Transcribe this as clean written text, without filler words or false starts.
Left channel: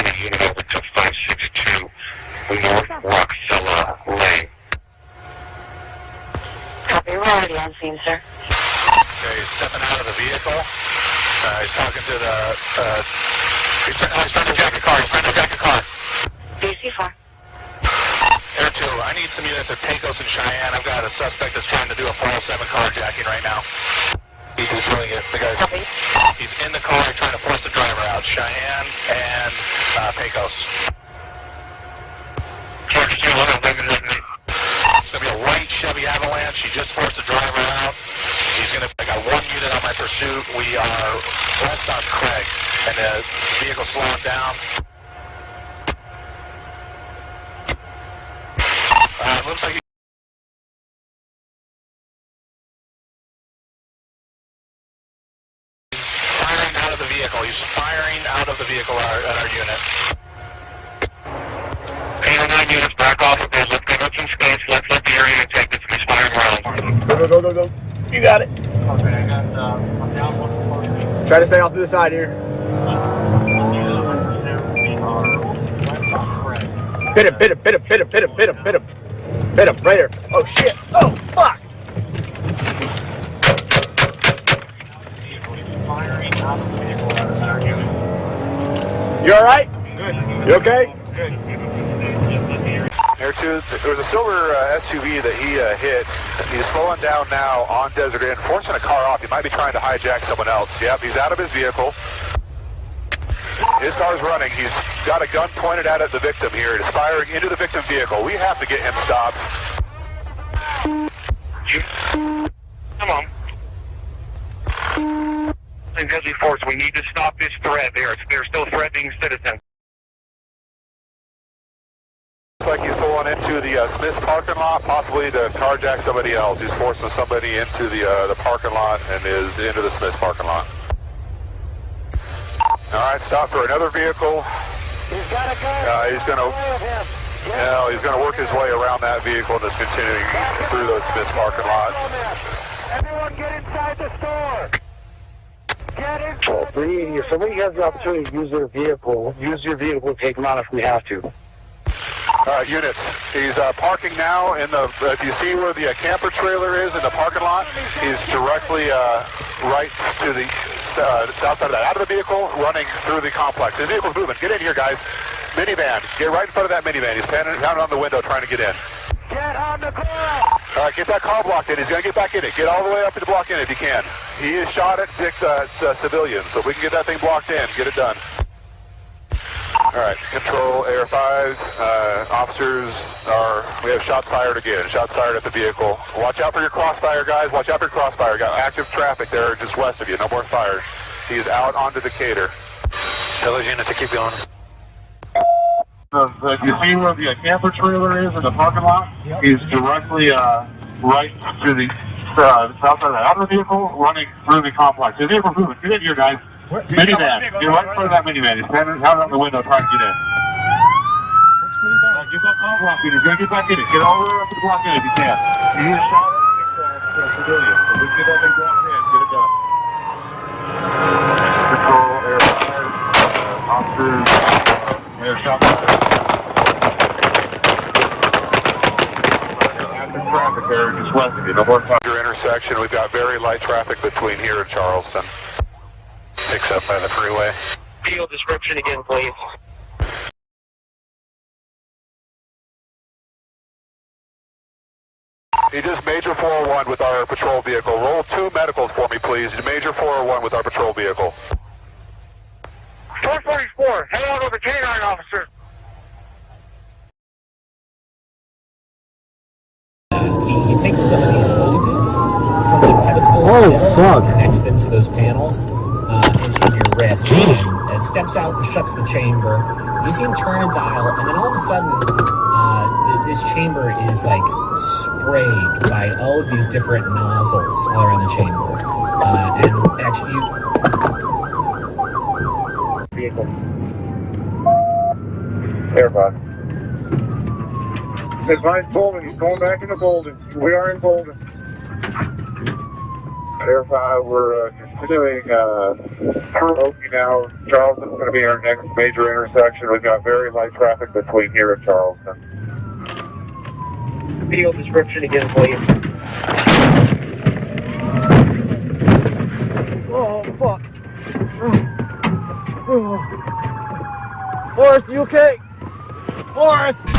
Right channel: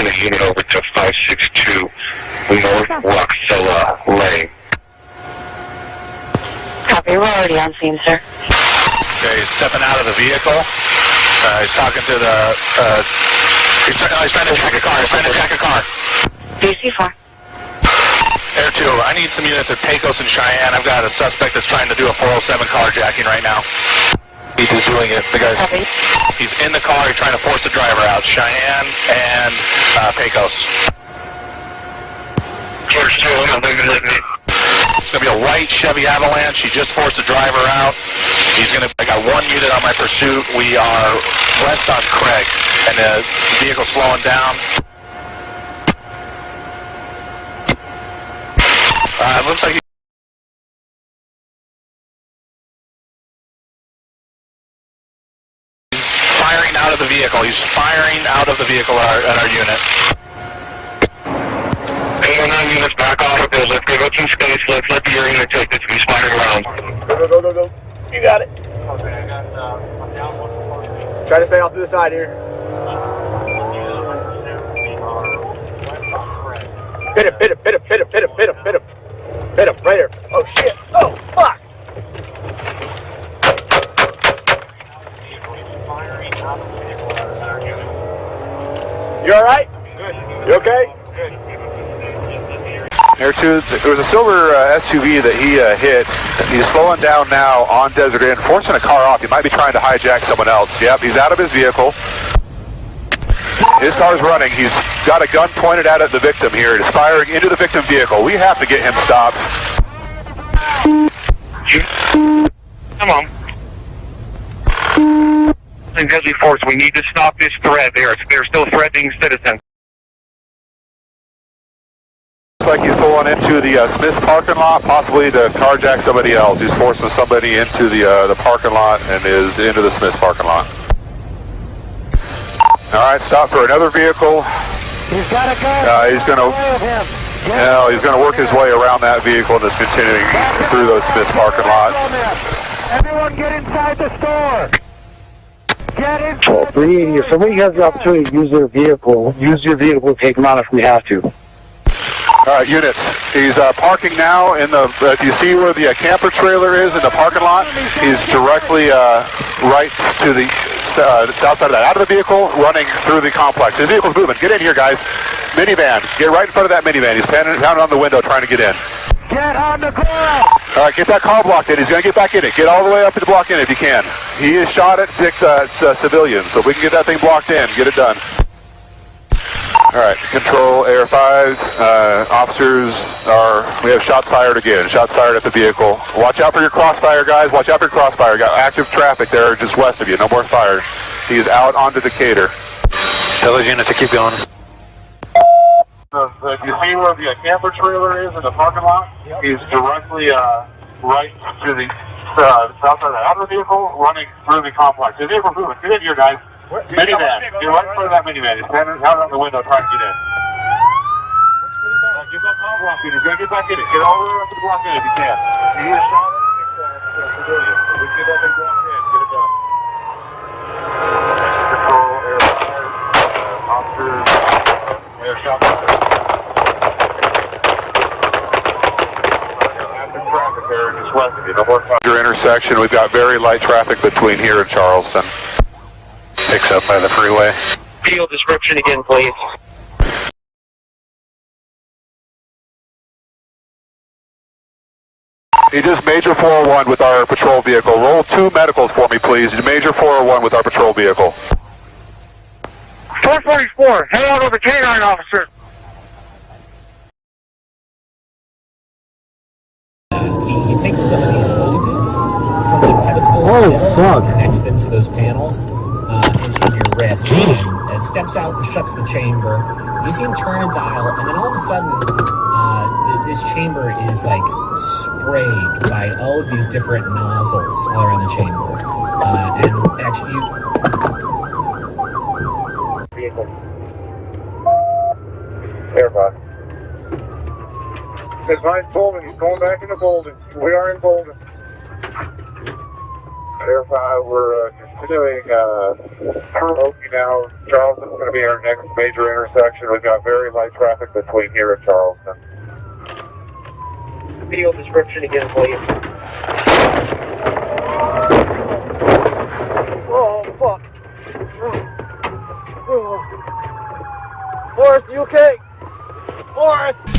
send a unit over to 562 North Roxella Lane. Copy, we're already on scene, sir. Okay, he's stepping out of the vehicle. He's talking to the, he's trying to jack a car. DC-4. Air 2, I need some units at Pecos and Cheyenne. I've got a suspect that's trying to do a 407 carjacking right now. He's just doing it. The guy's, he's in the car. He's trying to force the driver out. Cheyenne and Pecos. George 2, I'm not letting me. It's going to be a white Chevy Avalanche. He just forced the driver out. I got one unit on my pursuit. We are west on Craig, and the vehicle's slowing down. It looks like he's firing out of the vehicle. He's firing out of the vehicle at our unit. 809 units, back off a bit. Let's give it some space. Let's let the air unit take this. He's firing rounds. Go. You got it. Try to stay off to the side here. Hit him. Hit him, right here. Oh, shit. Oh, fuck. You all right? Good. You okay? Good. Air 2, there was a silver SUV that he hit. He's slowing down now on Desert Inn, forcing a car off. He might be trying to hijack someone else. Yep, he's out of his vehicle. His car's running. He's got a gun pointed out at the victim here. He's firing into the victim vehicle. We have to get him stopped. Come on. In deadly force, we need to stop this threat. They're still threatening citizens. Looks like he's pulling into the Smith's parking lot, possibly to carjack somebody else. He's forcing somebody into the parking lot and is into the Smith's parking lot. All right, stop for another vehicle. He's got a gun. He's going to work his way around that vehicle and is continuing through those Smith's parking lot. Everyone get inside the store. Get inside. Well, if somebody has the opportunity to use their vehicle, use your vehicle to take them out if we have to. All right, units. He's parking now in the, do you see where the camper trailer is in the parking lot? He's directly right to the south side of that. Out of the vehicle, running through the complex. His vehicle's moving. Get in here, guys. Minivan. Get right in front of that minivan. He's pounding on the window trying to get in. Get on the car. All right, get that car blocked in. He's going to get back in it. Get all the way up to the block in if you can. He is shot at civilians, so if we can get that thing blocked in, get it done. All right, control Air 5, officers we have shots fired again, shots fired at the vehicle. Watch out for your crossfire, guys, watch out for your crossfire. Got active traffic there just west of you, no more fires. He is out onto Decatur. Tell those units to keep going. You see where the camper trailer is in the parking lot? Yep. He's directly right to the south side of that other vehicle, running through the complex. The vehicle's moving. Get in here, guys. Minivan. You're right in front of that minivan. He's standing out on the window trying to get in. You've got car block in. You're going to get back in it. Get all the way up to the block in if you can. You need a shot at a civilian. So we can get that thing blocked in. Get it done. Control Air 5. Officers. Air shot. Active traffic there just west of you. No more fire. Intersection. We've got very light traffic between here and Charleston. Picks up by the freeway. Field description again, please. He just major 401 with our patrol vehicle. Roll 2 medicals for me, please. Major 401 with our patrol vehicle. 444, head out over K9, officer. He takes some of these hoses from the pedestal and connects them to those panels in your wrist, and steps out and shuts the chamber. You see him turn a dial, and then all of a sudden, this chamber is like sprayed by all of these different nozzles all around the chamber. And actually, Airbus. He's behind Bolden. He's going back into Bolden. We are in Bolden. Air 5, we're continuing through Oakey now. Charleston's going to be our next major intersection. We've got very light traffic between here and Charleston. Field description again, please. Oh, fuck. Forrest, you okay? Forrest!